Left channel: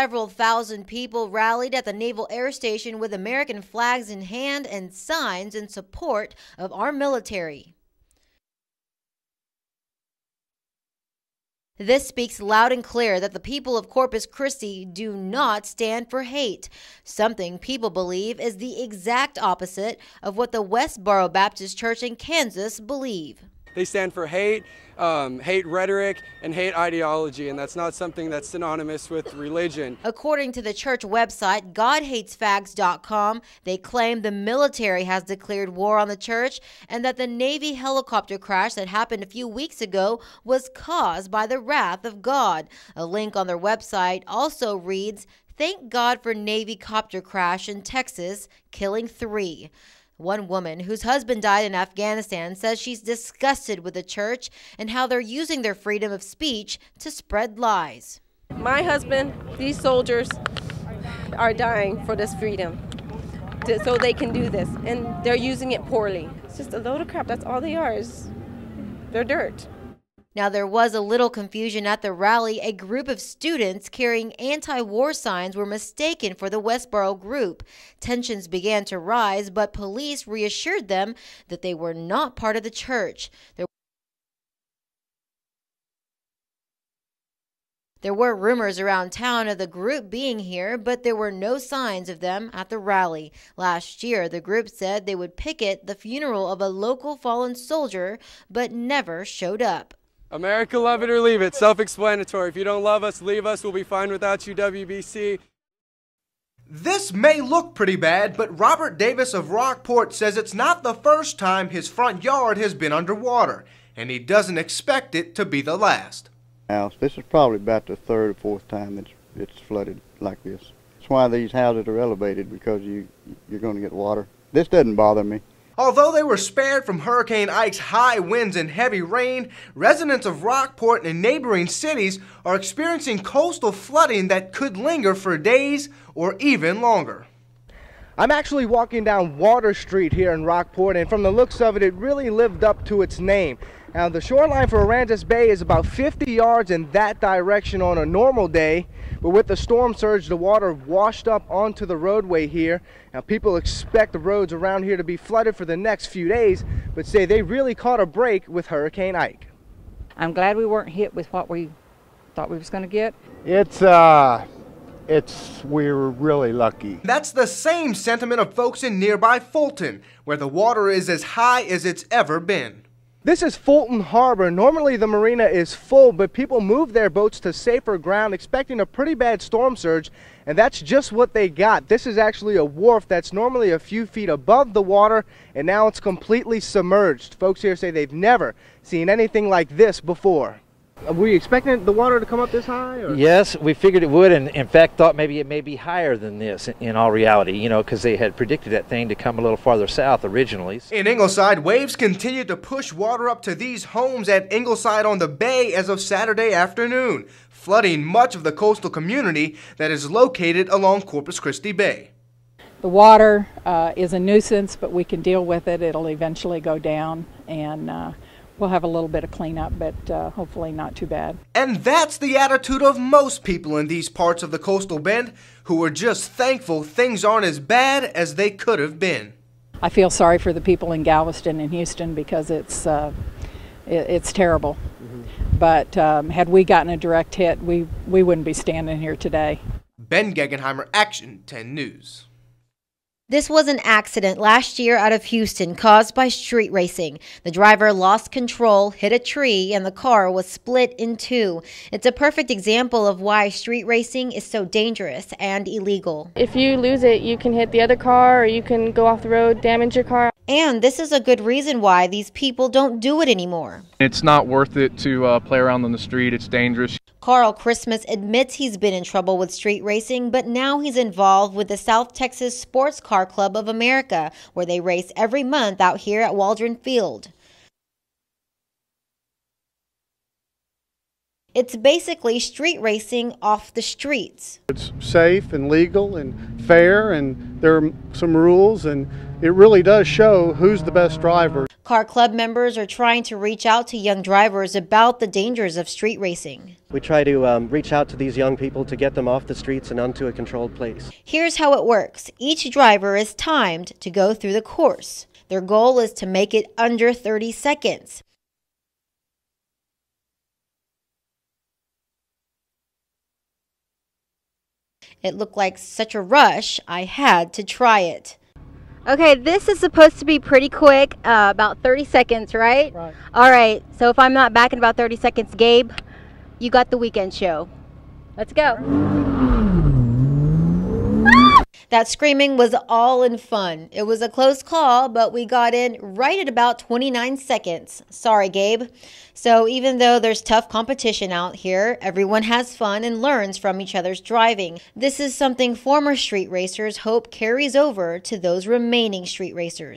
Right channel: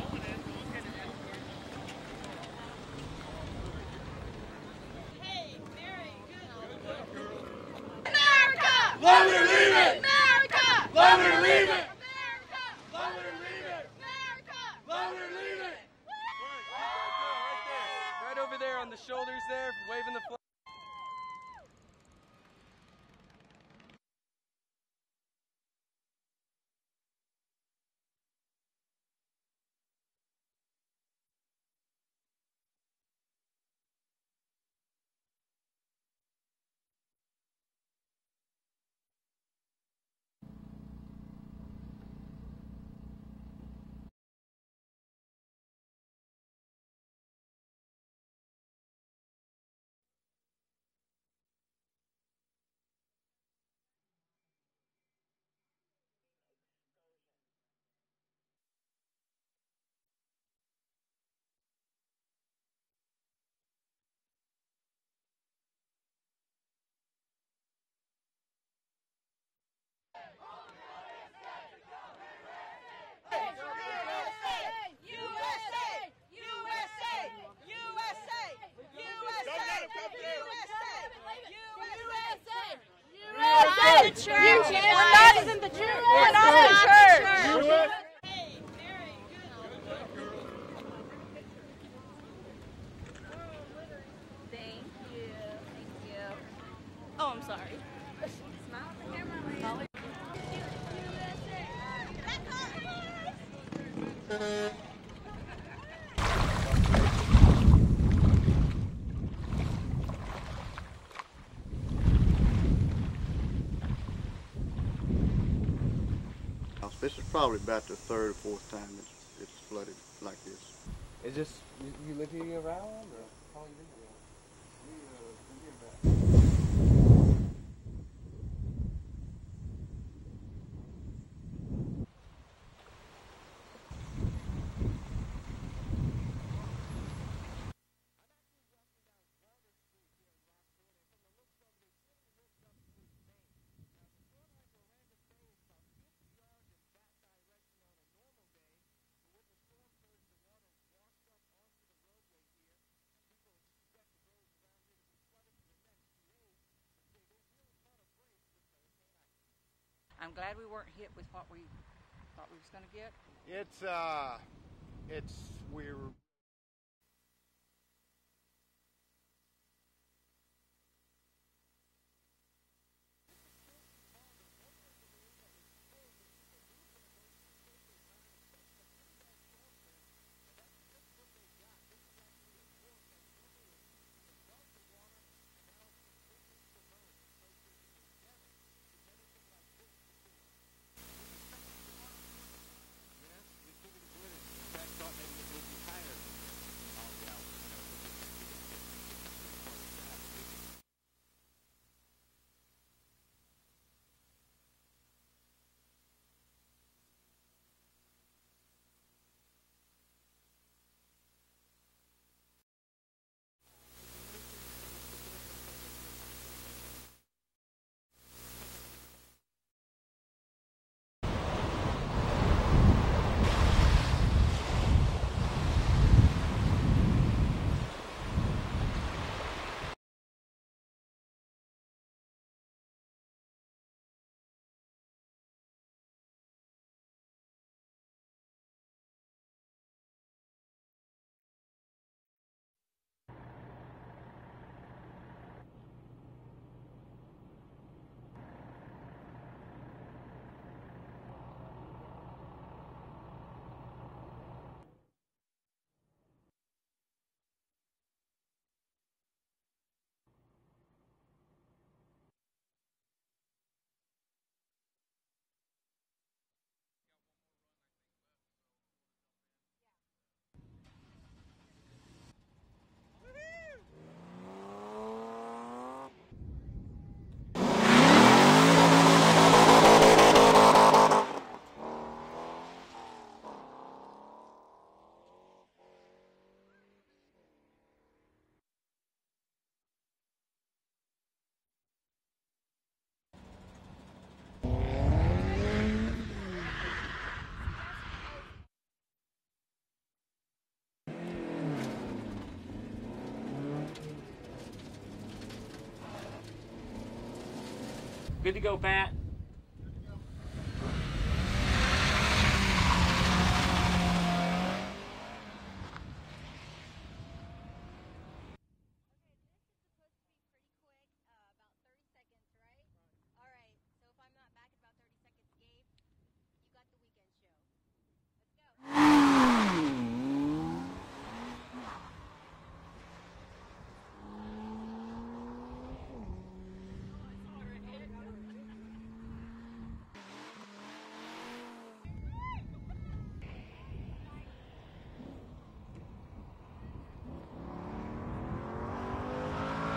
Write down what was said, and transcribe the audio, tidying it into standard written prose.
Several thousand people rallied at the Naval Air Station with American flags in hand and signs in support of our military. America! Love it or leave it! America! Love it or leave it! This speaks loud and clear that the people of Corpus Christi do not stand for hate, something people believe is the exact opposite of what the Westboro Baptist Church in Kansas believe. They stand for hate, hate rhetoric, and hate ideology, and that's not something that's synonymous with religion. According to the church website, GodHatesFags.com, they claim the military has declared war on the church and that the Navy helicopter crash that happened a few weeks ago was caused by the wrath of God. A link on their website also reads, "Thank God for Navy copter crash in Texas, killing 3. One woman whose husband died in Afghanistan says she's disgusted with the church and how they're using their freedom of speech to spread lies. My husband, these soldiers are dying for this freedom so they can do this, and they're using it poorly. It's just a load of crap. That's all they are. They're dirt. Now, there was a little confusion at the rally. A group of students carrying anti-war signs were mistaken for the Westboro group. Tensions began to rise, but police reassured them that they were not part of the church. There were rumors around town of the group being here, but there were no signs of them at the rally. Last year, the group said they would picket the funeral of a local fallen soldier, but never showed up. America, love it or leave it. Self-explanatory. If you don't love us, leave us. We'll be fine without you, WBC. This may look pretty bad, but Robert Davis of Rockport says it's not the first time his front yard has been underwater, and he doesn't expect it to be the last. This is probably about the third or fourth time it's flooded like this. That's why these houses are elevated, because you're going to get water. This doesn't bother me. Although they were spared from Hurricane Ike's high winds and heavy rain, residents of Rockport and neighboring cities are experiencing coastal flooding that could linger for days or even longer. I'm actually walking down Water Street here in Rockport, and from the looks of it, it really lived up to its name. Now, the shoreline for Aransas Bay is about 50 yards in that direction on a normal day, but with the storm surge, the water washed up onto the roadway here. Now, people expect the roads around here to be flooded for the next few days, but say they really caught a break with Hurricane Ike. I'm glad we weren't hit with what we thought we was going to get. We're really lucky. That's the same sentiment of folks in nearby Fulton, where the water is as high as it's ever been. This is Fulton Harbor. Normally the marina is full, but people move their boats to safer ground expecting a pretty bad storm surge, and that's just what they got. This is actually a wharf that's normally a few feet above the water, and now it's completely submerged. Folks here say they've never seen anything like this before. Were you expecting the water to come up this high? Or? Yes, we figured it would, and in fact thought maybe it may be higher than this in all reality, you know, because they had predicted that thing to come a little farther south originally. In Ingleside, waves continued to push water up to these homes at Ingleside on the Bay as of Saturday afternoon, flooding much of the coastal community that is located along Corpus Christi Bay. The water is a nuisance, but we can deal with it. It'll eventually go down, and we'll have a little bit of cleanup, but hopefully not too bad. And that's the attitude of most people in these parts of the coastal bend, who are just thankful things aren't as bad as they could have been. I feel sorry for the people in Galveston and Houston, because it's terrible. But had we gotten a direct hit, we wouldn't be standing here today. Ben Gegenheimer, Action 10 News. This was an accident last year out of Houston caused by street racing. The driver lost control, hit a tree, and the car was split in two. It's a perfect example of why street racing is so dangerous and illegal. If you lose it, you can hit the other car, or you can go off the road, damage your car. And this is a good reason why these people don't do it anymore. It's not worth it to play around on the street. It's dangerous. Carl Christmas admits he's been in trouble with street racing, but now he's involved with the South Texas Sports Car Club of America, where they race every month out here at Waldron Field. It's basically street racing off the streets. It's safe and legal and fair, and there are some rules, and it really does show who's the best driver. Car club members are trying to reach out to young drivers about the dangers of street racing. We try to reach out to these young people to get them off the streets and onto a controlled place. Here's how it works. Each driver is timed to go through the course. Their goal is to make it under 30 seconds. Good to go, Pat. It looked like such a rush, I had to try it. Okay, this is supposed to be pretty quick, about 30 seconds, right? Right. All right, so if I'm not back in about 30 seconds, Gabe, you got the weekend show. Let's go. That screaming was all in fun. It was a close call, but we got in right at about 29 seconds. Sorry, Gabe. So even though there's tough competition out here, everyone has fun and learns from each other's driving. This is something former street racers hope carries over to those remaining street racers.